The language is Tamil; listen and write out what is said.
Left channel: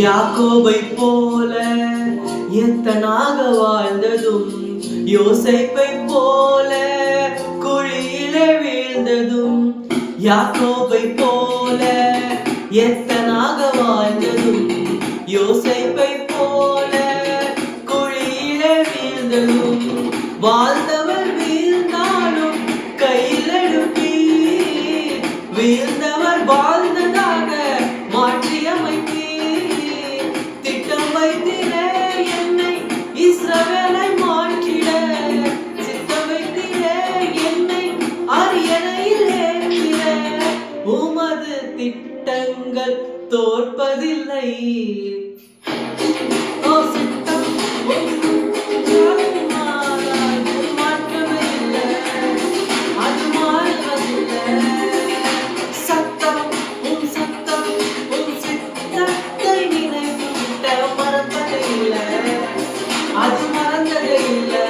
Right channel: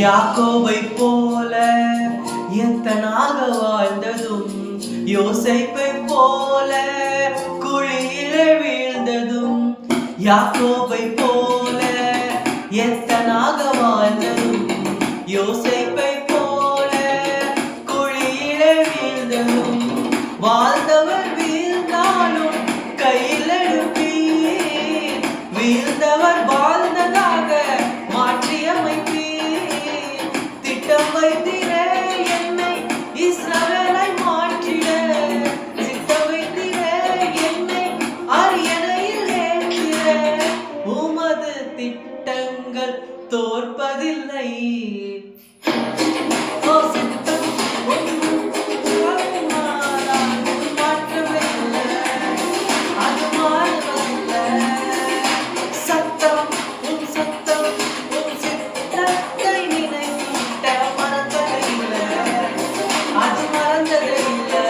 யாக்கோபை போல எத்தனாக வாழ்ந்ததும், யோசேப்பை போல குழியிலே வீழ்ந்ததும், யாக்கோபை போல எத்தனாக வாழ்ந்ததும், யோசேப்பை போல குழியிலே வீழ்ந்ததும், வாழ்ந்தவர் வீழ்ந்தாலும் கையில் எடுப்பீர், வீழ்ந்தவர் வாழ்ந்ததாக மாற்றியமைப்பீர். திட்டம் வைத்திரே என்னை இஸ்ரவேலை மாற்றிட, சித்தம் வைத்திரே என்னை அரியணையில் ஏற்றிட, உமது திட்டங்கள் தோற்பதில்லை. ஓ சித்தம் ஒன்றும் மாறாது, மாற்றமே இல்லை, அது மாறுவதில்லை. சத்தம் சத்தம் உன் சித்தத்தை நினைத்து விட்ட, மறப்பதே இல்லை, அது மறந்ததே இல்லை.